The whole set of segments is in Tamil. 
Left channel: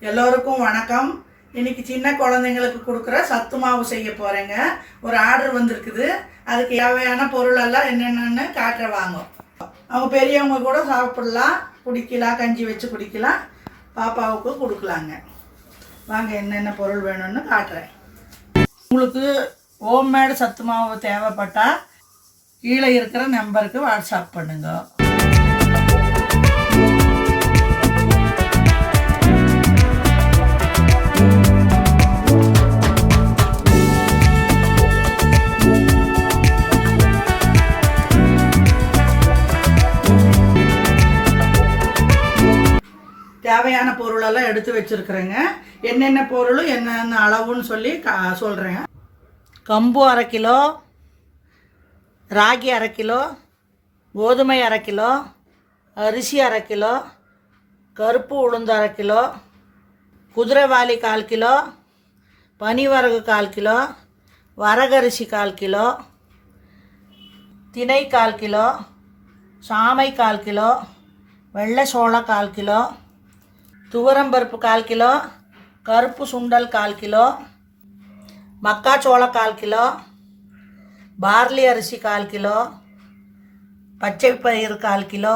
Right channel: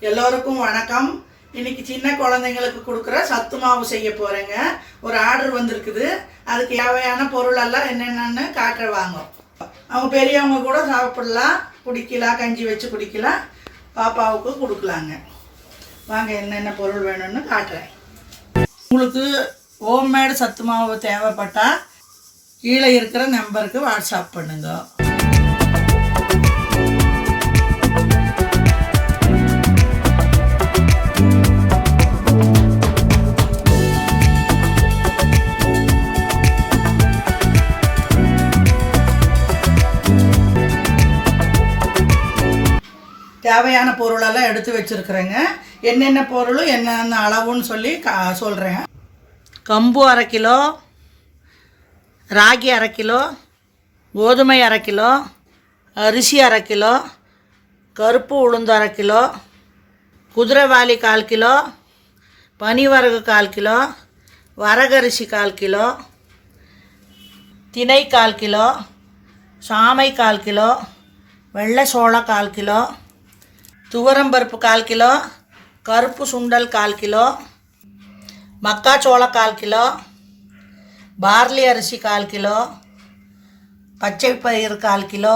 எல்லோருக்கும் வணக்கம். இன்னைக்கு சின்ன குழந்தைங்களுக்கு கொடுக்குற சத்து மாவு செய்ய போறேங்க. ஒரு ஆர்டர் வந்திருக்குது. அதுக்கு தேவையான பொருளெல்லாம் என்னென்னு காட்டுற வாங்க. அவங்க பெரியவங்க கூட சாப்பிடலாம். குடிக்கலாம் கஞ்சி வச்சு குடிக்கலாம். பாப்பாவுக்கு கொடுக்கலாங்க. வாங்க என்னென்ன பொருள் வேணும்னு காட்டுறேன். உங்களுக்கு ஹோம்மேடு சத்து மாவு தேவைப்பட்டால் கீழே இருக்கிற நம்பருக்கு வாட்ஸ்அப் பண்ணுங்க. தேவையான பொருளெல்லாம் எடுத்து வச்சுருக்குறேங்க. என்னென்ன பொருளும் என்னென்ன அளவுன்னு சொல்லி கா சொல்கிறேங்க கம்பு அரை கிலோ ராகி அரை கிலோ கோதுமை அரை கிலோ அரிசி அரை கிலோ கருப்பு உளுந்து அரை கிலோ குதிரைவாலி கால் கிலோ பனிவரகு கால் கிலோ வரகரிசி கால் கிலோ திணை கால் கிலோ சாமை கால் கிலோ வெள்ளை சோளம் கால் கிலோ துவரம்பருப்பு கால் கிலோ கருப்பு சுண்டல் கால் கிலோ மக்காச்சோளம் கால் கிலோ பார்லி அரிசி கால் கிலோ பச்சை பயிர் கால் கிலோ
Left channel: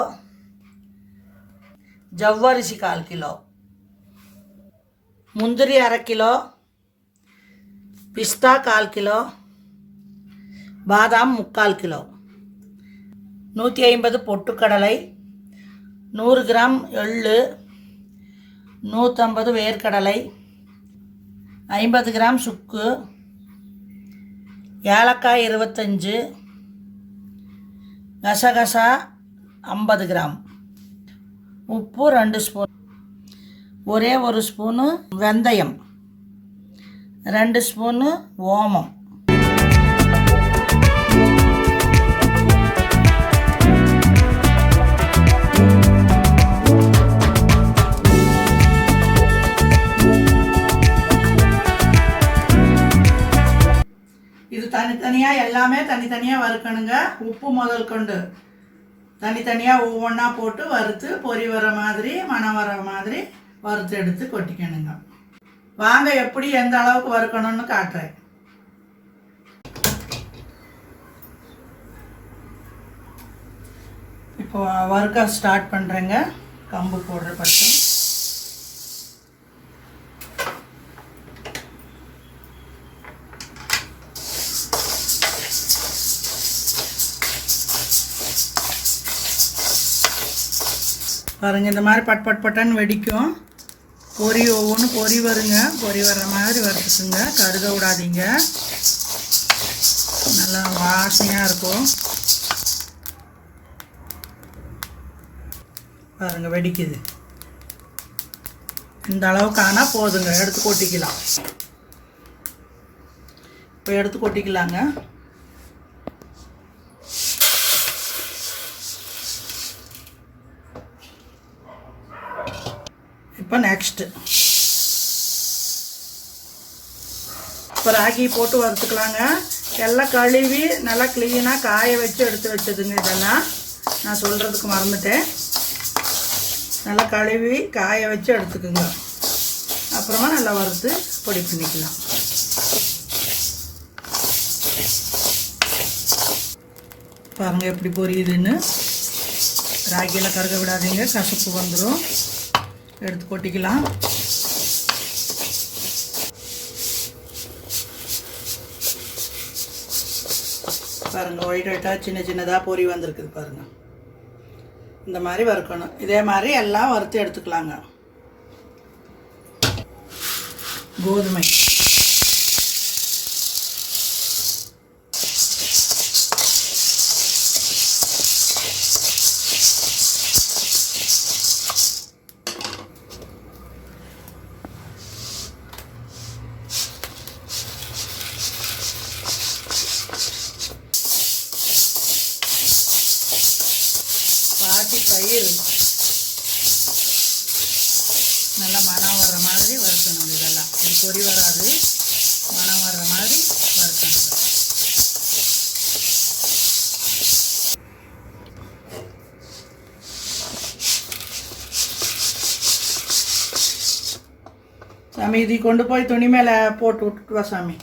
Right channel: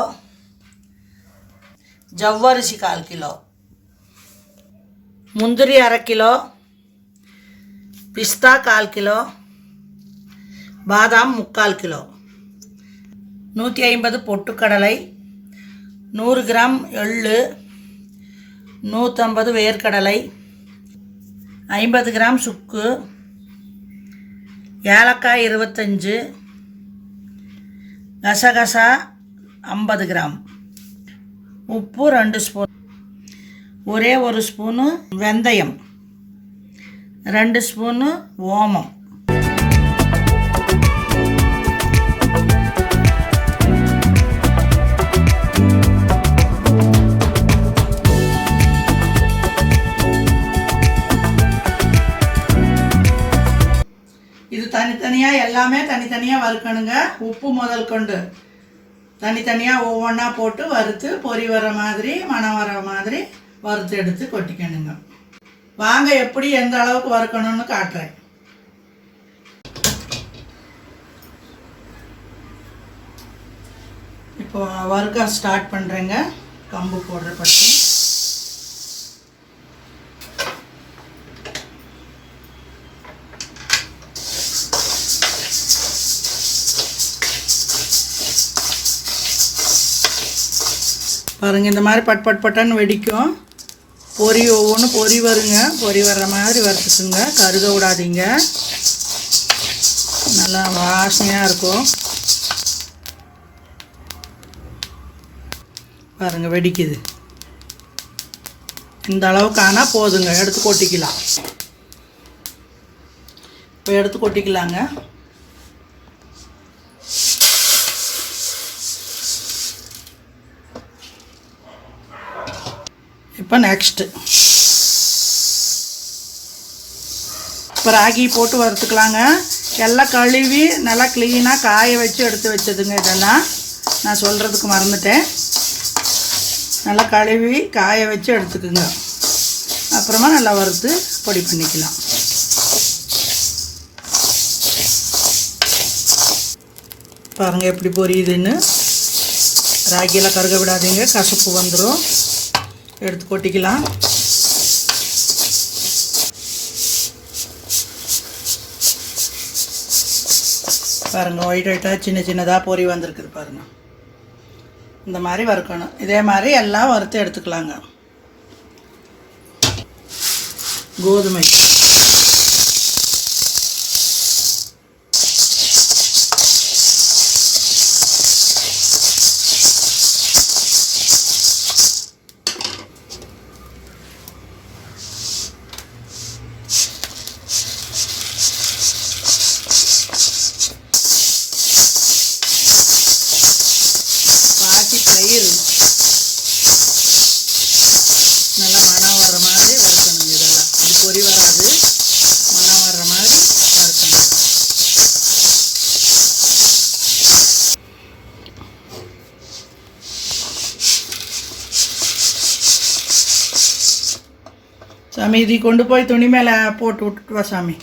ஜவ்வரிசி கால் கிலோ முந்திரி அரை கிலோ பிஸ்தா கால் கிலோ பாதாம் முக்கால் கிலோ. நூற்றி ஐம்பது பொட்டுக்கடலை நூறு கிராம் எள்ளு நூற்றம்பது வேர்க்கடலை ஐம்பது கிராம் சுக்கு ஏலக்காய் இருபத்தஞ்சு கசகசா ஐம்பது கிராம். உப்பு ரெண்டு ஸ்பூன். ஒரே ஒரு ஸ்பூனு வெந்தயம் ரெண்டு ஸ்பூனு ஓமம். தனித்தனியாக எல்லாமே தனித்தனியாக வறுக்கணுங்க. உப்பு முதல் கொண்டு. தனித்தனியாக ஒவ்வொன்றா போட்டு வறுத்து பொரி வர மாதிரி மணம் வர மாதிரி வறுத்து எடுத்து கொட்டிக்கணுங்க. வாங்க எப்படி எந்த அளவுக்கு வறுக்கணும்னு காட்டுறேன். இப்போ வறுக்க ஸ்டார்ட் பண்ணுறேங்க கம்பு போடுற பட்டு பாருங்கள் இந்த மாதிரி பட் பட் பட்டான்னு வெடிக்கும். பொரி ஒவ்வொன்றும் பொரி வருங்க. பொரி வர்ற மாதிரி வறுத்துக்குங்க. கருக விடாதீங்க நல்லா வாசனையாக இருக்கும். பாருங்கள் வெடிக்குது. இந்த அளவுக்கு ஆனால் போதுங்க. எடுத்து கொட்டிக்கலாம். இப்போ எடுத்து கொட்டிக்கலாங்க. இப்போ நெக்ஸ்ட்டு இப்போ ராகி போட்டு வறுத்துக்கலாங்க. எல்லாம் கழுவி நல்லா க்ளீனாக காய வச்சு எடுத்து வச்சதுங்க இதெல்லாம். நான் சொல்கிறதுக்கு மறந்துட்டேன். நல்லா கழுவி காய வச்சு எடுத்துக்குங்க. அப்புறமா நல்லா வறுத்து பொடி பண்ணிக்கலாம். பாருங்கள் எப்படி பொரியுதுன்னு. ராகியெல்லாம் கருக விடாதீங்க. கசப்பு வந்துடும் எடுத்து கொட்டிக்கலாம். பாருங்க ஒயிட் ஒயிட்டாக சின்ன சின்னதாக பொரி வந்திருக்குது பாருங்க. இந்த மாதிரி வறுக்கணும். இதே மாதிரி எல்லாம் வறுத்து எடுத்துக்கலாங்க. கோதுமை. பொறி பொரி வராது. மனம் வர்ற மாதிரி வறுக்கணும் சாமி இது கொண்டு போய் துணி மேலே போட்டு விட்டுட்டு வா சாமி.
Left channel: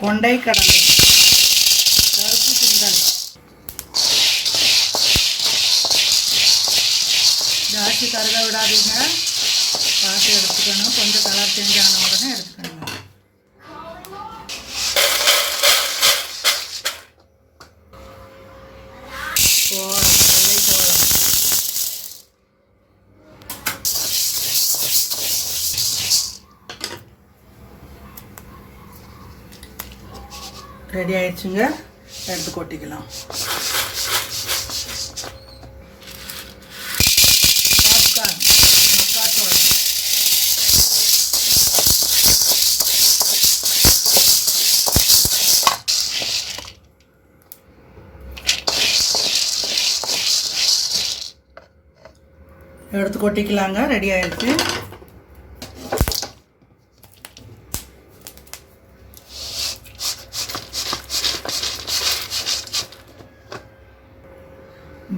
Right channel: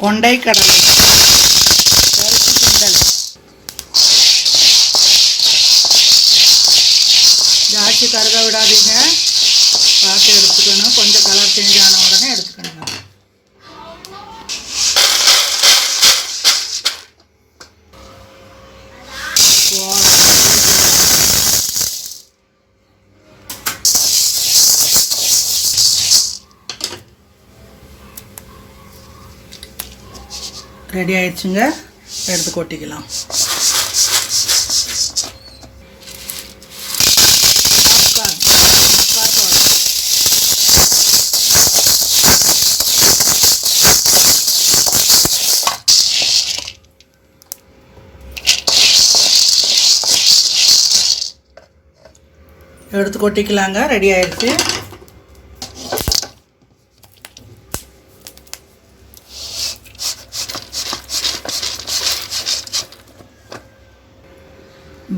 கொண்டை கடலை. பருப்பு சுண்டல். ஜாஸ்தி கருக விடாதீங்க. பார்த்து எடுத்துக்கணும். கொஞ்சம் கலர் சேஞ்ச் ஆன ரெடி ஆயிடுச்சுங்க. எடுத்து கொட்டிக்கலாம். எடுத்து கொட்டிக்கலாங்க. ரெடி ஆயிடுச்சு.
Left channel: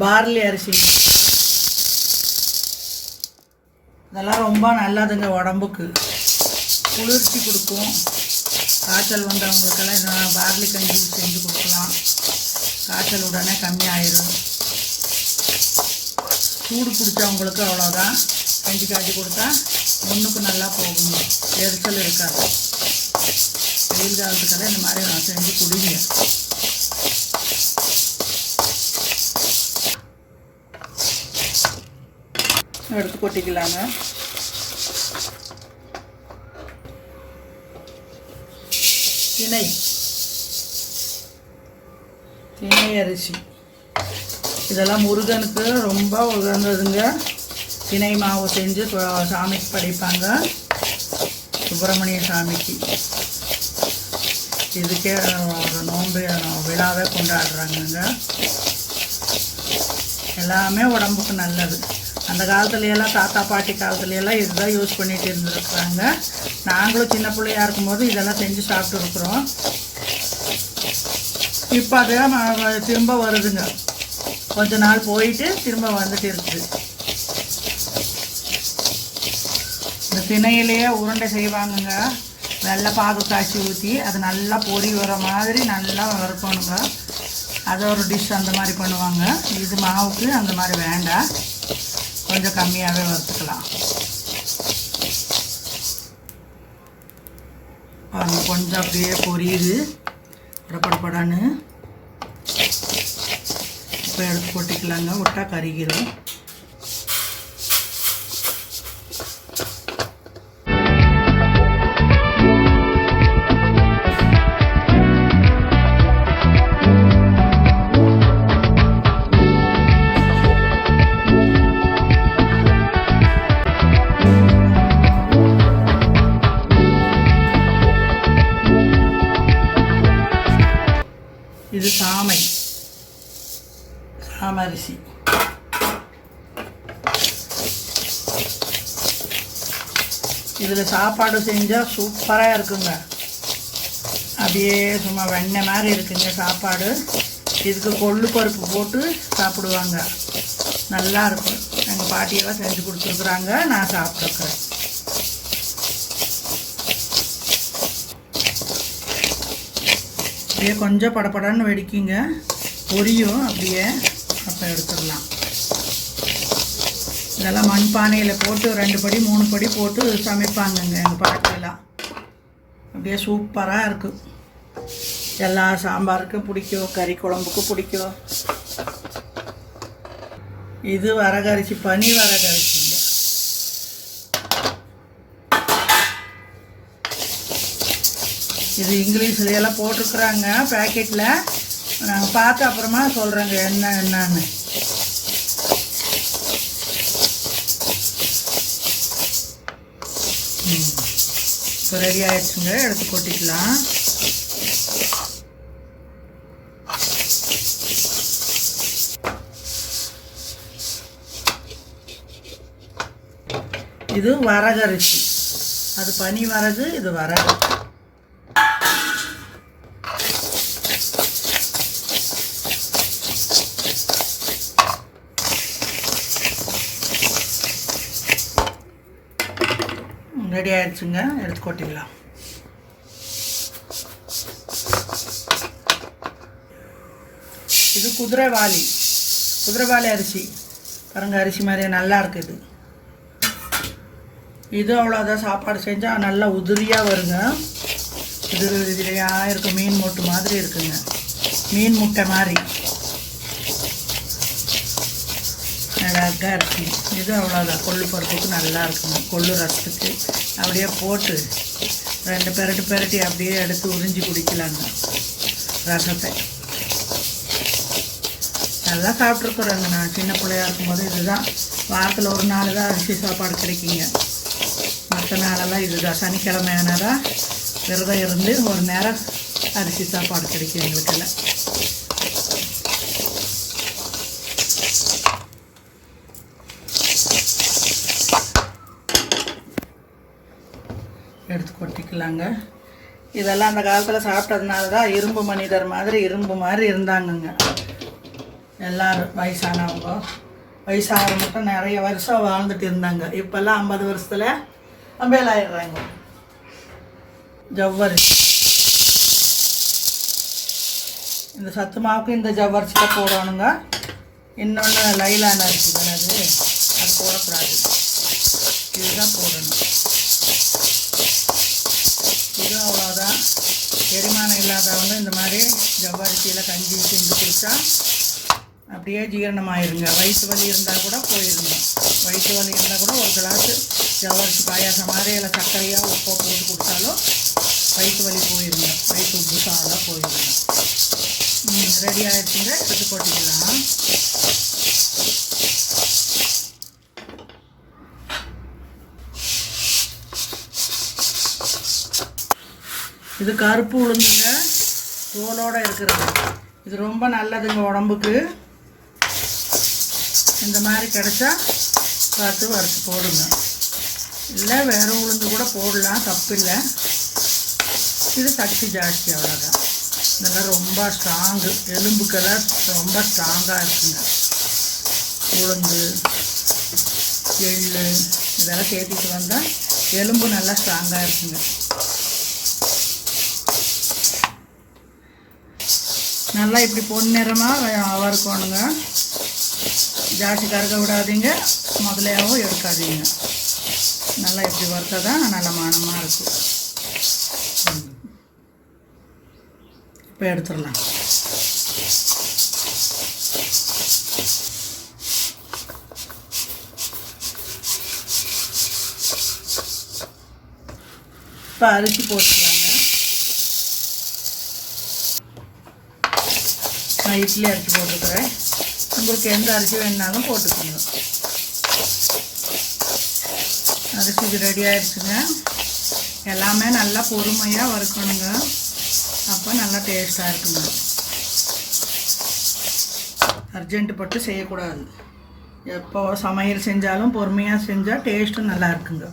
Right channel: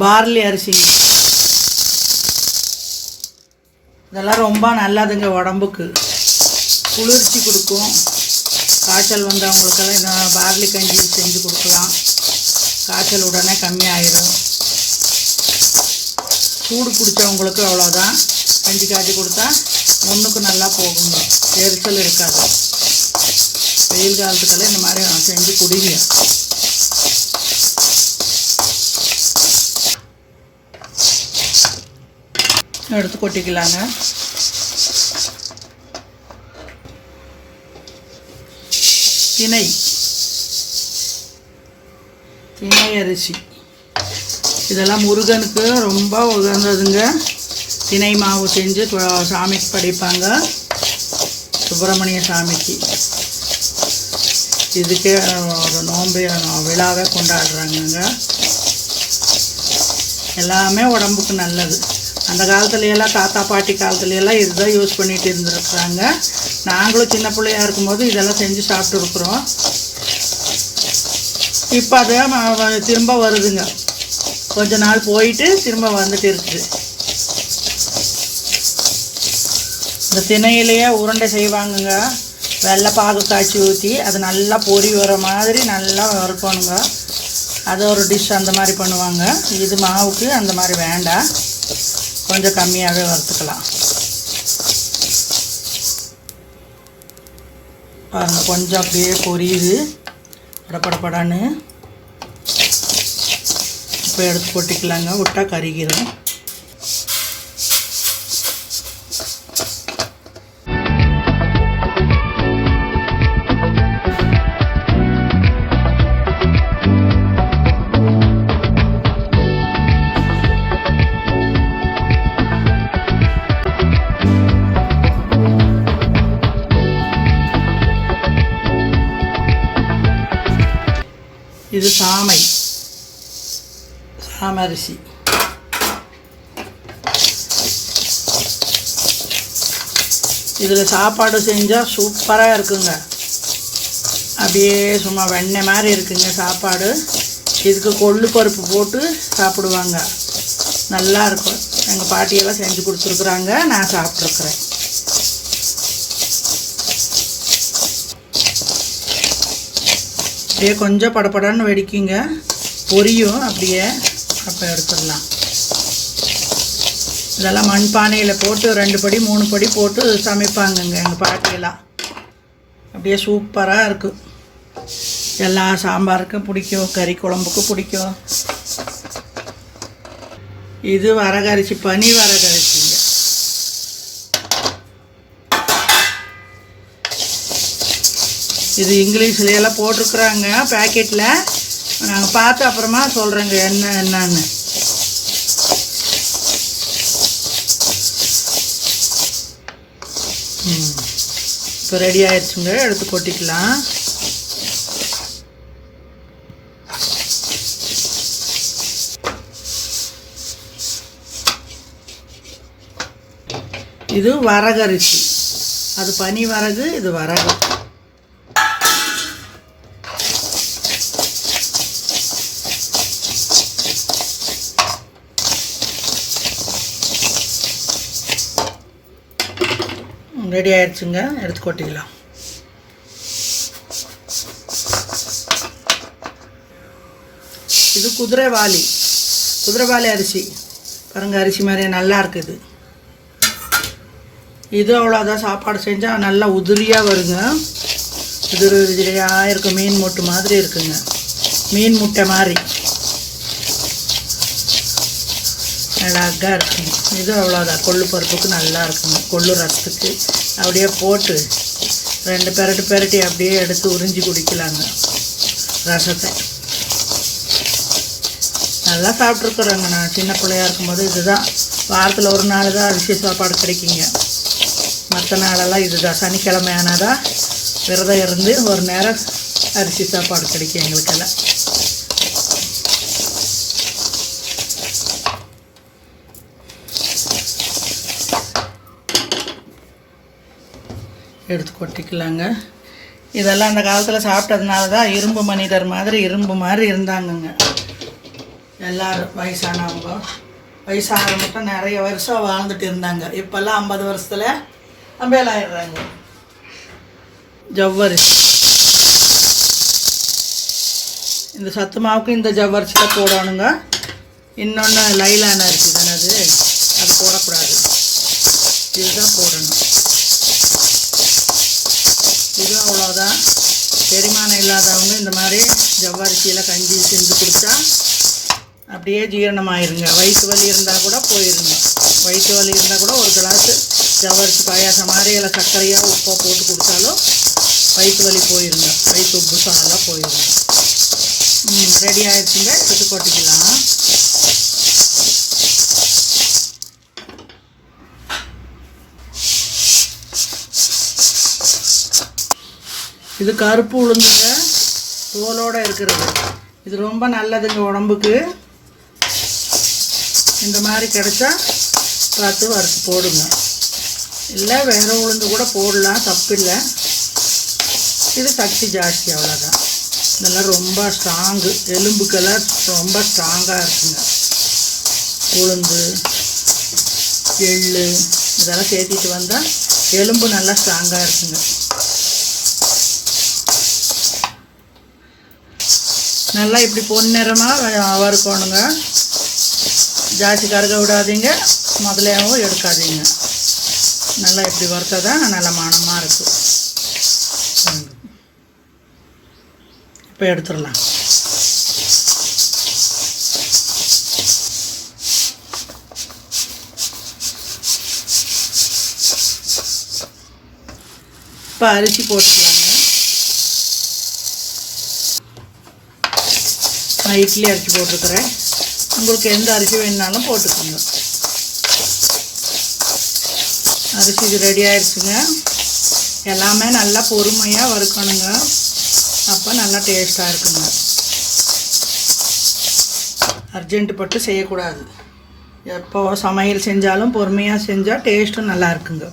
பார்லி அரிசி. இதெல்லாம் ரொம்ப நல்லதுங்க உடம்புக்கு. குளிர்ச்சி கொடுக்கும். காய்ச்சல் வந்தவங்களுக்கெல்லாம் இந்த பார்லி கஞ்சி செஞ்சு கொடுக்கலாம். காய்ச்சல் உடனே கம்மியாயிடும் சூடு பிடிச்சவங்களுக்கு அவ்வளோதான் கஞ்சி காய்ச்சி கொடுத்தா ஒன்றுக்கு நல்லா போகுங்க. எரிச்சல் இருக்காது. வெயில் காலத்துக்கெல்லாம் இந்த மாதிரி நான் செஞ்சு குடிங்க. எடுத்து கொட்டிக்கலாங்க. திணை. திணை அரிசி. இதெல்லாம் முருகனுக்கு ரொம்ப உகந்ததுங்க. திணை மாவு செஞ்சு சாமிக்கு படைப்பாங்க. சுப்பிரமணிய சாமிக்கு. இதுக்கே ஒரு நோன்பு விழாவே கொண்டாடுறாங்கங்க. எல்லாமே உடம்புக்கு நல்லது. அந்த காலத்துலையெல்லாம் தாத்தா பாட்டி காலத்துலையெல்லாம் இதுதான் யூஸ் பண்ணிகிட்டு இருந்துருக்குறாங்க. நாங்களும் சின்ன பிள்ளையா இருக்கும்போது இதெல்லாம் செஞ்சு சாப்பிட்டுருக்குறோம். இப்போ அதை ம- திரும்ப வருதுங்க. கொஞ்ச நாள் போயிட்டு திரும்ப வந்துட்டு இருக்குது. இந்த திணையிலேயே உருண்டை செய்வாங்கங்க. வெள்ளை பாகு காய்ச்சி ஊற்றி அது நல்லா பொரி வர மாதிரி நல்லா வறுக்கணுங்க. அது ஒரு டிஷ் அந்த மாதிரி பண்ணுவாங்க. இது மாவுக்கு அந்த மாதிரி வேண்டாம். கொஞ்சம் கம்மியாகவே வறுத்துக்கலாம். பாருங்கள் கொஞ்சம் அப்படியே பொரியுது. படப்படப்படான்னு இப்போ எடுத்து கொட்டிக்கலாங்க விட்டா கருகிரும். இதில் சாப்பாடு செஞ்சால் சூப்பராக இருக்குங்க. அப்படியே சும்மா வெண்ணெய் மாதிரி இருக்குங்க சாப்பாடு. இதுக்கு கொள்ளு பருப்பு போட்டு சாப்பிடுவாங்க. நல்லா இருக்கும். எங்கள் பாட்டியெல்லாம் செஞ்சு கொடுத்துருக்குறாங்க. நான் சாப்பிட்ருக்குறேன் அப்படியே கொஞ்சம் படபடன்னு வெடிக்குங்க. பொரியும். அப்படியே அப்போ எடுத்துடலாம். இதெல்லாம் மண்பானையில் போட்டு ரெண்டு படி மூணு படி போட்டு சமைப்பாங்கங்க எங்கள் பாட்டியெல்லாம். அப்படியே சூப்பராக இருக்கும் எல்லா சாம்பாருக்கும் பிடிக்கும் கறி குழம்புக்கும் பிடிக்கும். இது வரகரிசி பனி வரகரிசிங்க. இது இங்கிலீஷ்லையெல்லாம் போட்டிருக்குறாங்க பேக்கெட்டில் நாங்கள் பார்த்து அப்புறமா சொல்கிறேங்க என்ன என்னன்னு. இப்போ ரெடி ஆயிடுச்சுங்க எடுத்து கொட்டிக்கலாம். இது வரகரிசி. அது பனி வரகு இது வரகு. ரெடி ஆயிடுச்சுங்க. எடுத்து கொட்டிக்கலாம். இது குதிரைவாலி. குதிரைவாளி அரிசி. பாருங்க அரிசி மாதிரியே நல்லா இருக்குது. இது அவ்வளோதான் சாப்பாடு செஞ்சால் நல்லா உதிரியாக வருங்க. உதிரி உதிரியாக இருக்கும். மீன் முட்டை மாதிரி இருக்குங்க. மீன் முட்டை மாதிரி. அழகாக இருக்கும். இது அவ்வளோதான். கொள்ளு போகிறதுக்கு நல்லா இருக்கும். கொள்ளு ரசத்துக்கு அப்படியே போட்டு ரெண்டு பெரட்டு பெரட்டி அப்படியே எடுத்து உறிஞ்சி குடிக்கலாங்க. ரசத்தை. நல்லா சாப்பிட்ருக்குறேங்க நான். சின்ன பிள்ளையா இருக்கும்போது இதுதான். வாரத்தில் ஒரு நாள் தான் அரிசி சாப்பாடு கிடைக்குங்க. மற்ற நாளெல்லாம் இதுதான். சனிக்கிழமை ஆனாதான் விரதம் இருந்து ஒரு நேரம் அரிசி சாப்பாடு கிடைக்கும் எங்களுக்கெல்லாம். எடுத்து கொட்டிக்கலாங்க. இதெல்லாம் அந்த காலத்தில் சாப்பிட்டதுனால தான் இரும்பு மனிதர் மாதிரி இரும்பு மாதிரி இருந்தாங்கங்க. எல்லாரும் வயசானவங்க. வயசானவங்க மட்டும் நிறைய வருஷம் வாழ்ந்துட்டு இருந்தாங்க. இப்போல்லாம் ஐம்பது வருஷத்தில் அம்பேலாயிடுறாங்க. ஜவ்வரிசி. இந்த சத்து மாவுக்கு இந்த ஜவ்வரிசி தான் போடணுங்க. இன்னொன்று லைலான அரிசி தானே அது. அது போடக்கூடாது. இதுதான் போடணும். இது அவ்வளோதான் செரிமானம் இல்லாதவங்க இந்த மாதிரி ஜவ்வரிசியில் கஞ்சி செஞ்சு குடித்தா அப்படியே ஜீரணமாயிருங்க. வயிற்று வலி இருந்தால் கூட போயிருங்க. வயிற்று வலி இருந்தால் கூட ஒரு கிளாஸு ஜவ்வரிசி பாயாசம் மாதிரி இல்லை சர்க்கரையாக உப்போ போட்டு கொடுத்தாலும் வயிற்று வலி போயிருங்க. வயிற்று உப்பு சாலாம் போயிருங்க. ரெடி ஆகிடுச்சுங்க எடுத்து போட்டுக்கலாம். இது கருப்பு உளுந்துங்க. தோலோடு இருக்கிறது. இது ரொம்ப நல்லதுங்க உடம்புக்கு. இந்த மாதிரி கிடைச்சா பார்த்து வறுத்து போடுங்க. இல்லை வேறு உளுந்து கூட போடலாம். தப்பில்லை. இது சக்தி ஜாஸ்தி அவ்வளோதான் இதெல்லாம் ரொம்ப ஸ்ட்ராங்கு எலும்புக்கெல்லாம் ரொம்ப ஸ்ட்ராங்காக இருக்குங்க. உளுந்து எள் இதெல்லாம் சேர்த்திட்டு வந்தால் எலும்பு நல்லா ஸ்ட்ராங்காக இருக்குங்க. நல்லா இப்படி பொன்னிறமாக வறுக்கணுங்க. ஜாஸ்தி கருக விடாதீங்க. முதலையாகவும் எடுக்காதீங்க. நல்லா இப்படி வறுத்தா தான் நல்ல மனமாக இருக்கும். இப்போ எடுத்துடலாம். இப்போ அரிசி போட்டுக்கலாம். நான் இட்லி அரிசி போட்டுருக்குறேன் உங்களுக்கு எந்த அரிசி வேணுனாலும் போட்டுக்கோங்க. அரிசி இது ரெடி ஆயிடுச்சுங்க எல்லாமே நல்லா பொறுமையாக வறுக்கணுங்க. அப்போ நல்லா டேஸ்ட்டாக இருக்குங்க. அர்ஜென்ட் பட்டு செய்யக்கூடாது. எப்போ சமையல் செஞ்சாலும் பொறுமையாக செஞ்சால் டேஸ்ட்டும் நல்லா இருக்குங்க.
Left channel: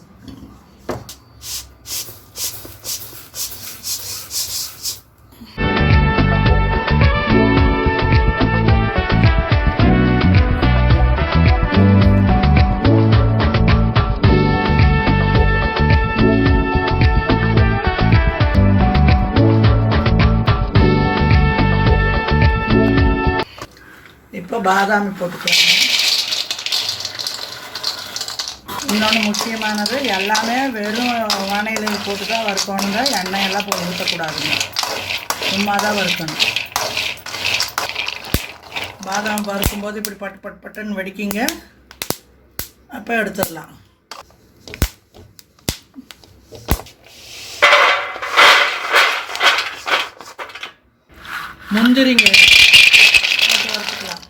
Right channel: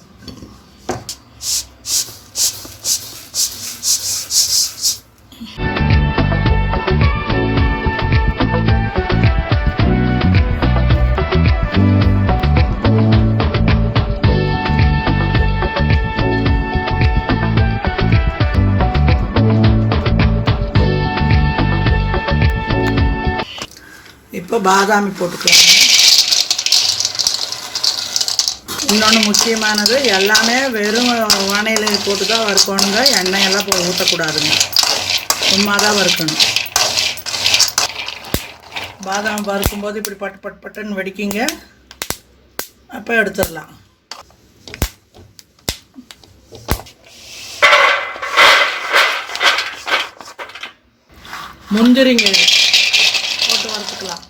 பாதாமி போட்டுக்கோங்க இன்னொன்று முக்கியமானது எல்லாமே வெறும் வானையில் போட்டு தான் வறுக்கணுங்க. எண்ணெயெல்லாம் போ ஊற்றக்கூடாதுங்க சும்மா தான் வறுக்கணும். பாதாம் வறுக்கும்போது இப்படி பட்டு பட்டு பட்டுன்னு வெடிக்கிங்க. அப்போ எடுத்துடலாம். முந்திரிங்க இது. போட்டு வறுத்துக்கலாம்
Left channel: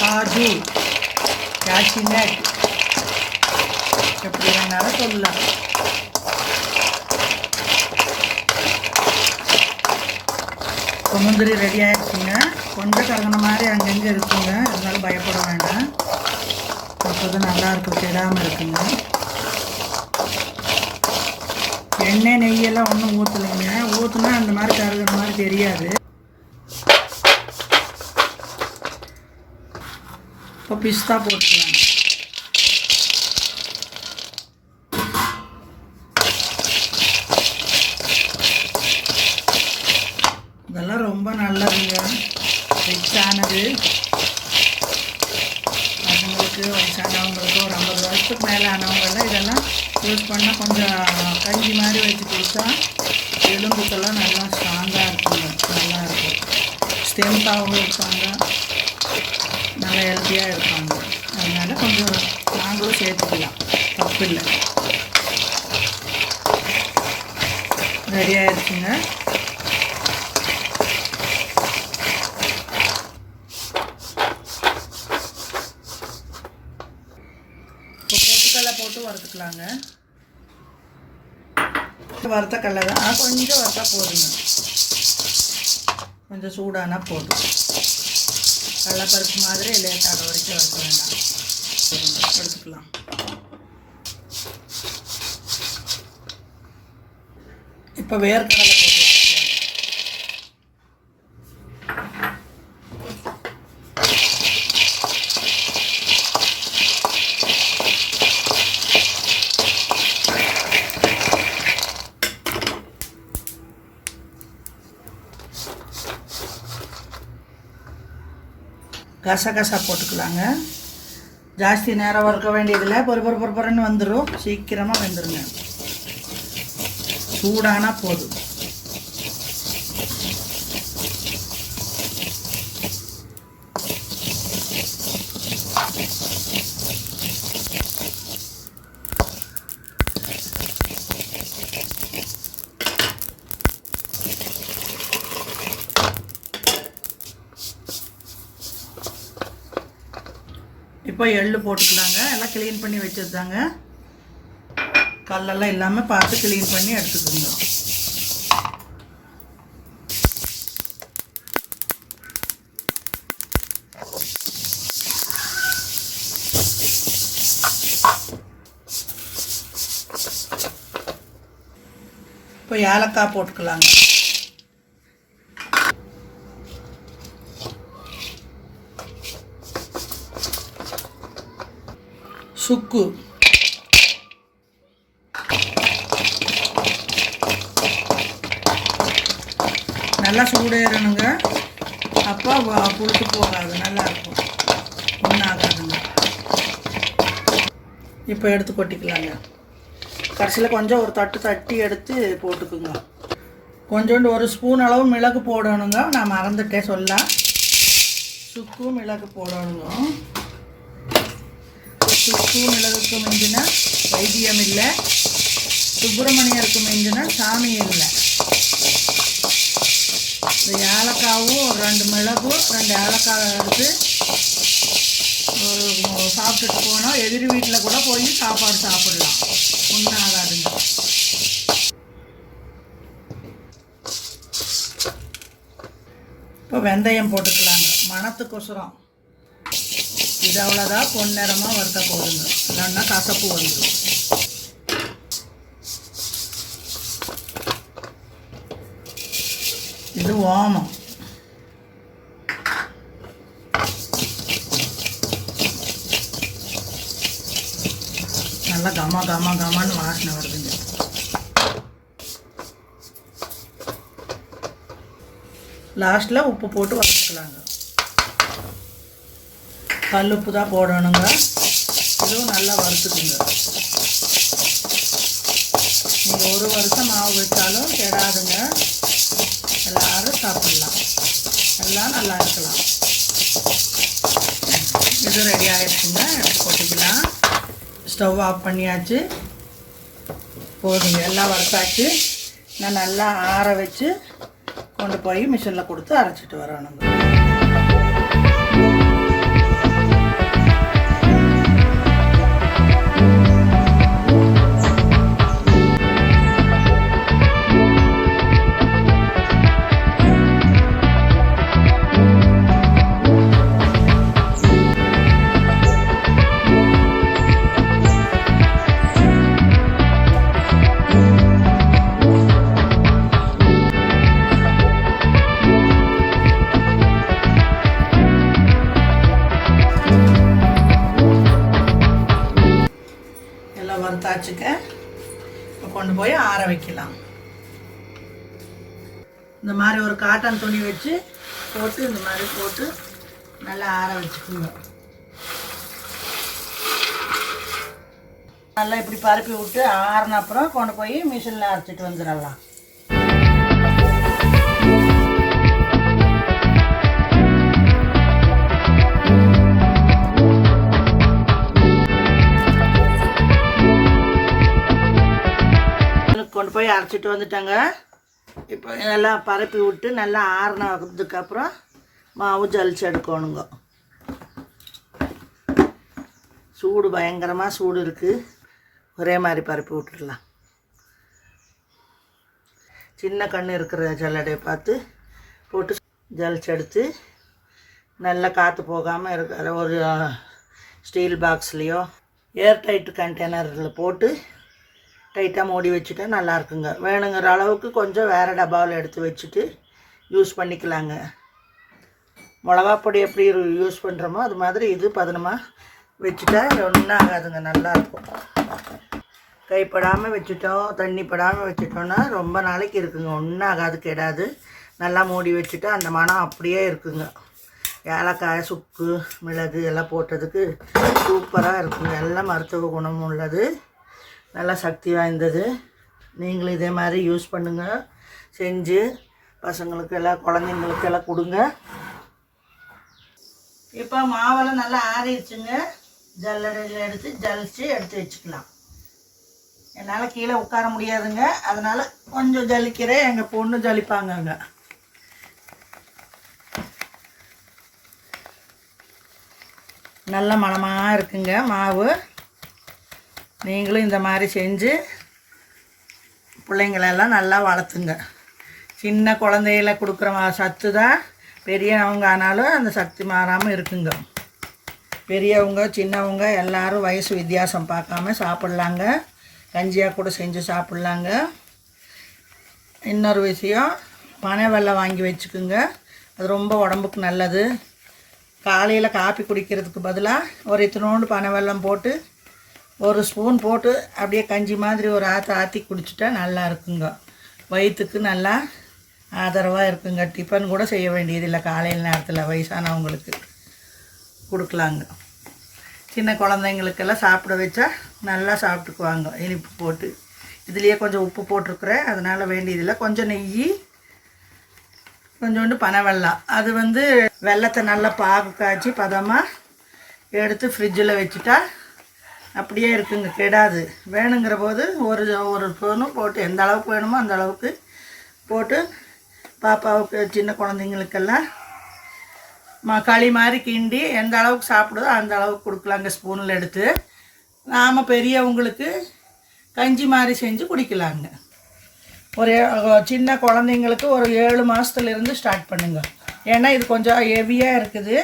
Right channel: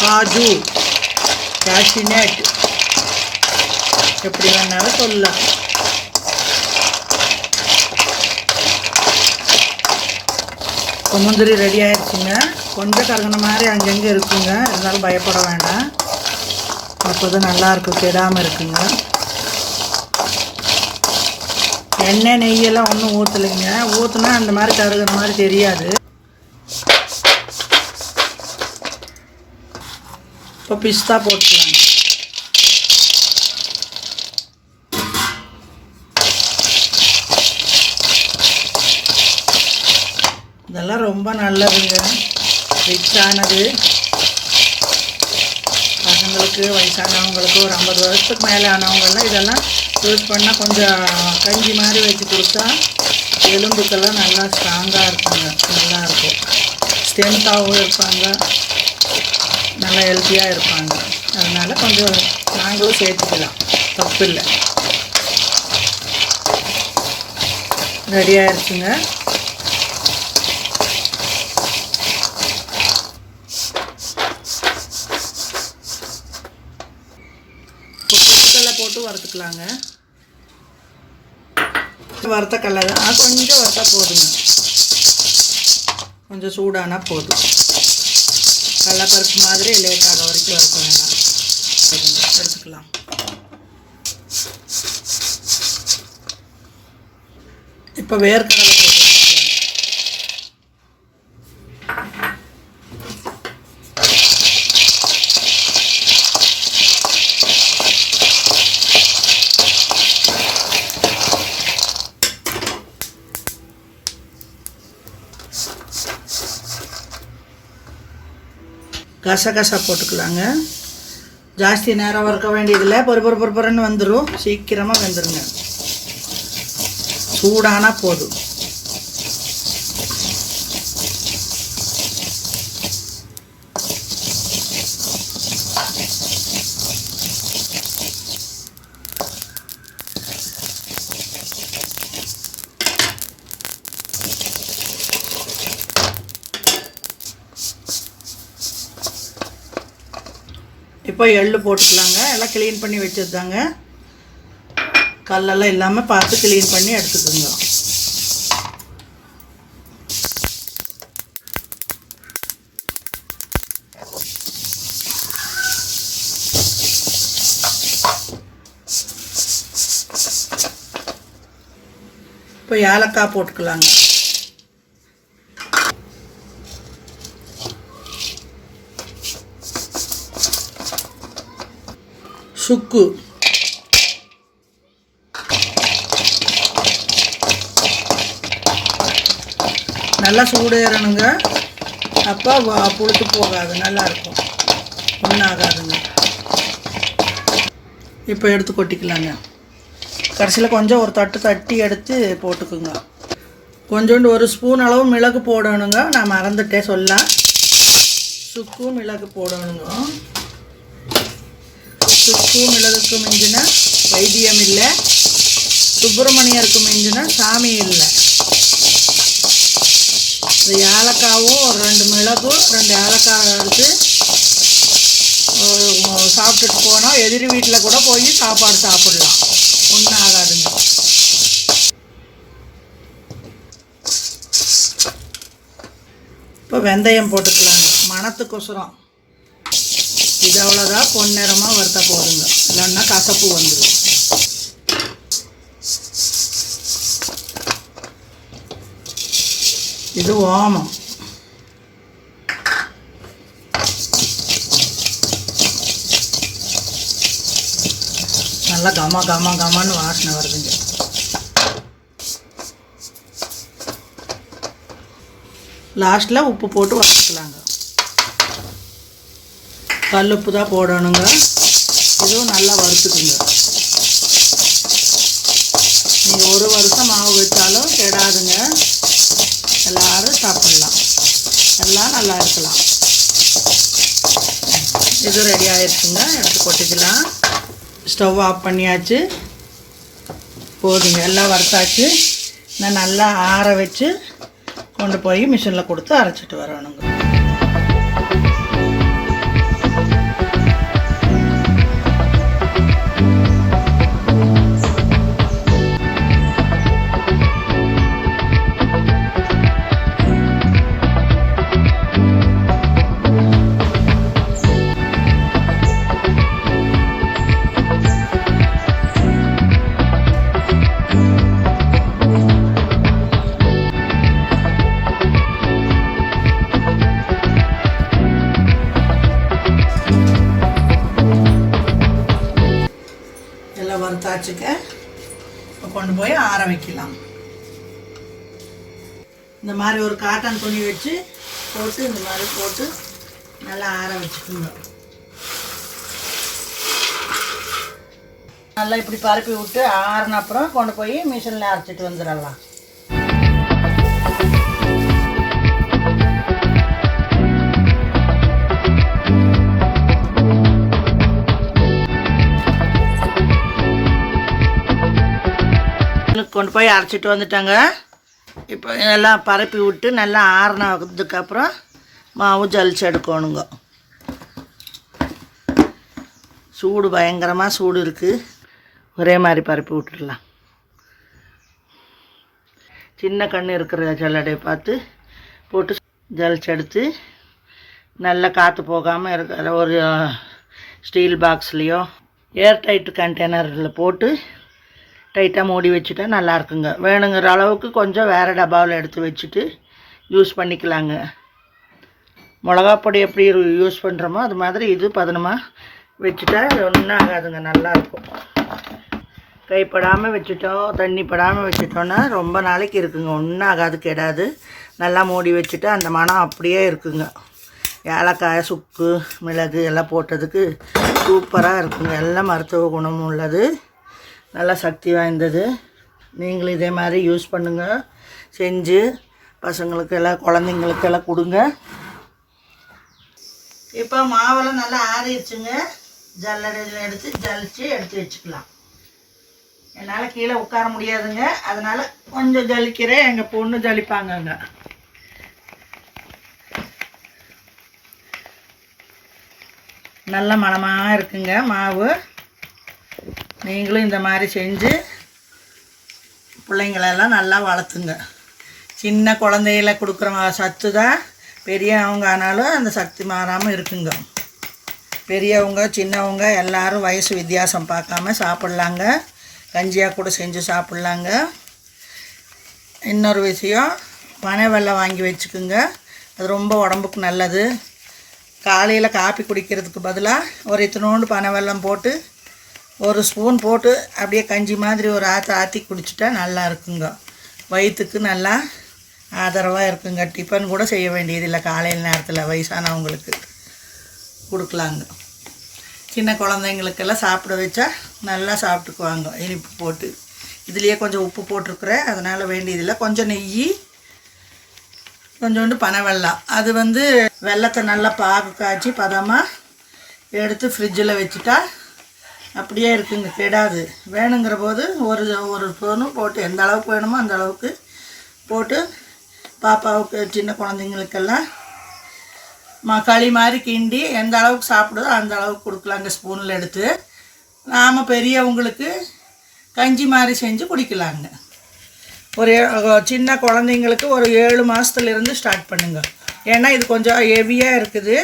காஜு கேஷினட் எப்படி வேணாலும் சொல்லலாம். இப்போ முந்திரி ரெடி ஆயிடுச்சுங்க. கொஞ்சம் கருகின மாதிரி அங்கங்கே இருக்குங்க. இருந்தாலும் பயப்பட வேண்டாம். இப்போது நல்லா கெடாமல் இருக்குங்க. எண்ணெய் நெய்யெல்லாம் ஒன்றும் ஊற்றலைங்க ஊற்றுனா அந்த மாதிரி கருகிற மாதிரி தெரியாது. இப்போ பிஸ்தா போட்டுக்கலாம் இதெல்லாம் ரொம்ப நல்லதுங்க. ரிச்சானது பசங்களுக்கு வயசானவங்களுக்கு ஒரு ஐம்பது வருஷத்துக்கு மேலே ஆனவங்களாம் இதெல்லாம் யூஸ் பண்ணால் கொஞ்சம் கஞ்சி மாதிரி வச்சு கொடுத்தா எலும்புக்கெல்லாம் நல்லா ஸ்ட்ராங்காக இருக்குங்க. நல்லா இருக்கும். ஸ்ட்ரென்த்தாகவும் இருப்பாங்க. நல்லா ஹெல்த்தியாக இருப்பாங்க. அதனால் கொஞ்சம் நாங்களும் சேர்த்துக்கலாம். தப்பு இல்லை. ரெடி ஆயிடுச்சுங்க இப்போ பொட்டுக்கடலை போட்டு வறுத்துக்கலாங்க. வறுத்த கடலை தான். கொஞ்சம் வறுத்தா போதுங்க. கொஞ்சம் சூடானா போதும். கடலைப்பருப்பு மாதிரி லேட் ஆக வரைக்கும் வறுக்கலாங்க சரிங்க, எடுத்துக்கலாம். இப்போ வேர்க்கடலை போட்டு வச்சுக்கலாம் கசகசா போட்டுக்கலாங்க. ஜாஸ்தி நேரம் வறுக்க வேண்டியதில்லை. பொறு பொறு பொறு பொறுன்னு வந்துடும் சீக்கிரமாக வந்துடுங்க சூடானா போதும். இப்போ எள்ளு போட்டுக்கலாங்க. எல்லாம் க்ளீன் பண்ணி வச்சதுதாங்க கல்லெல்லாம் இல்லாமல் பார்த்து க்ளீன் பண்ணி எடுத்துக்கோங்க. இப்போ ஏலக்காய் போட்டுக்கலாங்க. முறுக்கு. நல்லா சூடேறணுங்க. அப்போ புழுத்து போகாது நல்லாயிருக்கும் ஒன்றும் ஒன்றாகாதுங்க இப்போ எடுத்து கொட்டிக்கலாங்க. கடைசியில் கொஞ்சம் ஒரு தட்டு தட்டி எடுத்து போட்டுக்குங்க. கொஞ்சோண்டு ஒரு ஸ்பூன் அளவு மிளகு போடணுங்க. நான் மறந்துட்டேன் சொல்ல சுக்கு மிளகு போடணுங்க. சுக்கு மிளகுக்கு மிஞ்சின வைத்தியம் இல்லை. சுப்பிரமணியருக்கு மிஞ்சின சாமி இல்லை. இந்த ஏலக்காவும் ஒரு ரெண்டு மிளகும் ரெண்டு ஏலக்காய் எடுத்து ஒரு சாப்பிட்டுட்டு போனோம். எதிரி வீட்டில் கூட போய் சாப்பாடு சாப்பிடலாம். ஒன்றும் ஆகாதுங்க இப்போ வெந்தயம் போட்டுக்கலாங்க. மணத்துக்கொசுரம். இது அவ்வளோதான் பொன்னிறமாக வறுத்தா போதுங்க. இல்லைன்னா கசப்பு வந்துடும் இது ஓமம். நல்லா கம கம கமான்னு வாசனை வருதுங்க. லாஸ்ட்டில் உப்பு போட்டு வறுத்துக்கலாங்க கல் உப்பு தான் போடணுங்க. இதுவும் நல்லா வறுத்துக்குங்க. நீங்கள் ஒரு வருஷம் மாவு வச்சாலும் கெடாதுங்க. எல்லோரும் சாப்பிட்லாம். எல்லாம் நல்லா இருக்கலாம். இது ரெடி ஆயிடுச்சுங்க. எடுத்து போட்டுக்கலாம் ஸ்டவ் ஆஃப் பண்ணியாச்சு. போதுங்க. எல்லாம் வறுத்தாச்சு. நான் நல்லா ஆற வச்சு கொண்டு போய் மிஷினில் கொடுத்து அரைச்சிட்டு வரணுங்க. வச்சுக்க. இப்போ கொண்டு போய் ஆற வைக்கலாம். இந்த மாதிரி ஒரு காட்டன் துணி வச்சு போட்டு இந்த மாதிரி போட்டு நல்லா ஆற வச்சுக்கோங்க. நல்லா இப்படி பரப்பி விட்டு ஆறின அப்புறம் கொண்டு போய் மிஷினில் அரைச்சிட்டு வந்துடலாம். கொண்டு போய் அரைச்சிட்டு வந்துட்டாங்க. இப்போ எல்லாம் பரப்பி விட்டு நல்லா ஆறுனதுக்கப்புறம் மாவு ஜலிச்சு எடுக்கணுங்க. சூடு பயங்கரமாக சூடு இருக்குது ஒரே மாதிரி பரப்பி விட்டுடலாம். சின்ன கண் இருக்கிற ஜல்லடையை பார்த்து போட்டு ஜலிச்சு எடுத்து நல்லா காற்று போகாமல் இருக்கிற ஒரு ஸ்டீல் பாக்ஸ்லேயோ ஏர் டைட்டு கண்டெய்னரில் போட்டு டைட்டாக மூடி வச்சுட்டா நல்லா இருக்குங்க வேணுங்கிற அளவுக்கு கொஞ்சம் வேறு டப்பாவில் எடுத்து வச்சுட்டு யூஸ் பண்ணிக்கலாங்க. மிளகாப்பொடி எப்படி யூஸ் பண்ணுறோமோ அது மாதிரி இது பதனமாக வச்சுட்டா ஒன்றும் ஆகாதுங்க நல்லாயிருக்கும் கைப்படாமல் வச்சுட்டோம் தண்ணி படாமல் வச்சுட்டோன்னா ரொம்ப நாளைக்கு இருக்குங்க. ஒன்றும் ஆகாது கெடாது. நல்லா மூடி வச்சுட்டு அந்த மனம் அப்படியே இருக்குங்க. ஏலக்காய் சுக்கு மிளகு எல்லாம் போட்டதுக்கு சூப்பராக இருக்குங்க. எல்லாம் மருத்துவ குணமும் உள்ளது. நல்லா சக்தி வாய்ந்தது. நீங்களும் இதே மாதிரி யூஸ் பண்ணுங்கள் செஞ்சு பசங்களுக்கு எல்லாம் குழந்தைங்களுக்கு எல்லாம் கொடுங்க. இப்போ மாவெல்லாம் நல்லா ஆறிடுச்சுங்க. ஜல்லடையில் எடுத்து ஜலிச்சு எடுத்து வச்சுக்கலாம். என்னால் கீழே உட்கார முடியாதுங்க. அதனால் கொஞ்சம் ஜலிக்கிறேன். எங்கள் பொண்ணு ஜலிப்பாங்கங்க. நல்ல மணமாக இருக்குங்க மாவு. நீங்களும் இந்த மாதிரி செஞ்சு பிள்ளைங்களெல்லாம் நல்லா வளர்த்துங்க. சின்ன குழந்தையில கொடுக்குற சத்து தான் பெரியவங்க ஆனாலும் அந்த சக்தி மாறாமல் இருக்குங்க. பெரியவங்க சின்னவங்க எல்லாரும் வயசு வித்தியாசம் பார்க்காம சாப்பிட்லாங்க. கஞ்சியாக கூட செஞ்சு சாப்பிட்லாங்க. இன்னொரு விஷயம் பனை வெல்லம் வாங்கி வச்சுக்குங்க. அது ரொம்ப உடம்புக்கு நல்லது. காலையில் காப்பி குடிக்கிறதுக்கு பதிலாக ஒரு இத்தினோண்டு பனை வெல்லம் போட்டு ஒரு ஸ்பூன் போட்டு அப்படியே கஞ்சி மாதிரி ஒரு ஆற்ற ஆற்றி குடிச்சிட்டா நல்லா இருக்குங்க. வயிற்றுக்கு நல்லா ஆதரவாக இருக்குங்க. டிஃபன் கூட செய்ய வேண்டியதில்லை காலையில் நேரத்தில் வயசானவங்களுக்கு கொடுக்கலாங்க. சின்ன குழந்தைங்களுக்கெல்லாம் சாப்பிட வச்சா நல்லா சாப்பிட்டுக்குவாங்க. இனிப்பு போட்டு. இதுலேயே கொஞ்சம் உப்பு போட்டிருக்குறேன். அதனால் வேண்டியதில்லை. கொஞ்சம் நெய் கொஞ்சோண்டு பனை அது வந்து வெல்லத்தை நல்லா பாகு காய்ச்சி பதமாக எடுத்து ஃப்ரிட்ஜில் வச்சுட்டா அப்படியே இருக்குங்க கெடாது. வேணுங்கிற போது ஒரு ஒரு ஸ்பூனும் போட்டு எந்த அளவுக்கு வேணுமோ அந்த அளவுக்கு போட்டு பாப்பாவுக்கு சின்ன குழந்தைங்களுக்கெல்லாம் ம களி மாதிரி கிண்டி எந்த அளவுக்கு சாப்பிடுதோ அந்த அளவுக்கு கொடுக்கலாங்க ஸ்பூனில் எடுத்து. நாம் பெரியவங்களுக்கு கஞ்சி மாதிரி செஞ்சு குடிக்கலாங்க. ஒரு சின்ன குழந்தைங்களுக்கு ஒரு ஏழு மாதத்துலேருந்து ஸ்டார்ட் பண்ணுங்க. ஏன்னா இது கொஞ்சம் ஹெவியாக இருக்குது.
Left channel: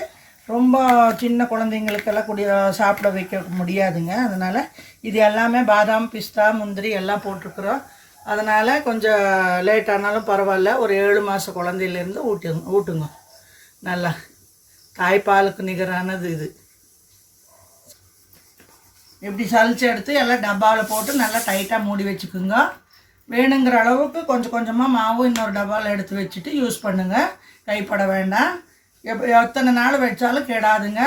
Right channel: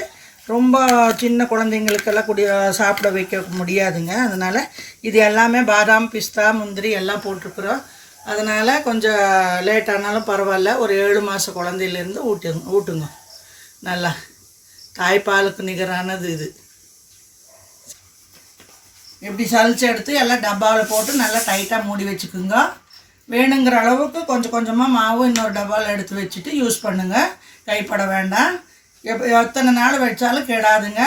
ரொம்ப சின்ன குழந்தைங்களுக்கெல்லாம் குடி சாப்பிட வைக்க முடியாதுங்க. அதனால் இது எல்லாமே பாதாம் பிஸ்தா முந்திரி எல்லாம் போட்டிருக்குறோம். அதனால் கொஞ்சம் லேட் ஆனாலும் பரவாயில்ல. ஒரு ஏழு மாத குழந்தையிலேருந்து ஊட்டுங்க ஊட்டுங்க. நல்லா. தாய்ப்பாலுக்கு நிகரானது இது. இப்படி சலிச்சு எடுத்து எல்லாம் டப்பாவில் போட்டு நல்லா டைட்டாக மூடி வச்சுக்குங்க. வேணுங்கிற அளவுக்கு கொஞ்சம் கொஞ்சமாக மாவு இன்னொரு டப்பாவில் எடுத்து வச்சுட்டு யூஸ் பண்ணுங்கள் கைப்பட வேண்டாம். எப் எத்தனை நாள் வச்சாலும் கெடாதுங்க.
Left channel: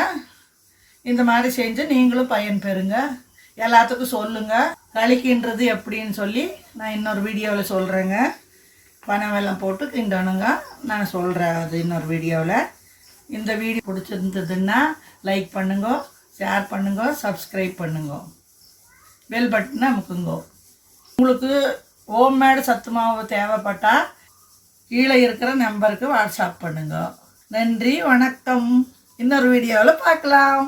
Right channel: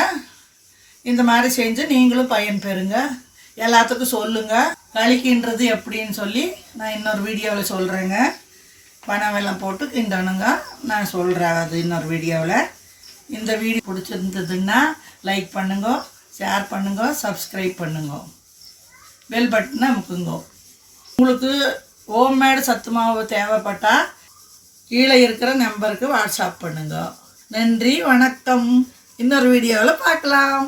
இந்த மாதிரி செஞ்சு நீங்களும் பயன் பெறுங்க. எல்லாத்துக்கும் சொல்லுங்கள் கழிக்கின்றது எப்படின்னு சொல்லி நான் இன்னொரு வீடியோவில் சொல்கிறேங்க பனை வெள்ளம் போட்டு கிண்டணுங்க. நான் சொல்கிறேன் அது இன்னொரு வீடியோவில் இந்த வீடியோ பிடிச்சிருந்ததுன்னா லைக் பண்ணுங்க ஷேர் பண்ணுங்க சப்ஸ்கிரைப் பண்ணுங்க. பெல் பட்டனை அமுக்குங்க. உங்களுக்கு ஹோம்மேடு சத்து மாவு தேவைப்பட்டால் கீழே இருக்கிற நம்பருக்கு வாட்ஸ்அப் பண்ணுங்கள் நன்றி வணக்கம். இன்னொரு வீடியோவில் பார்க்கலாம்.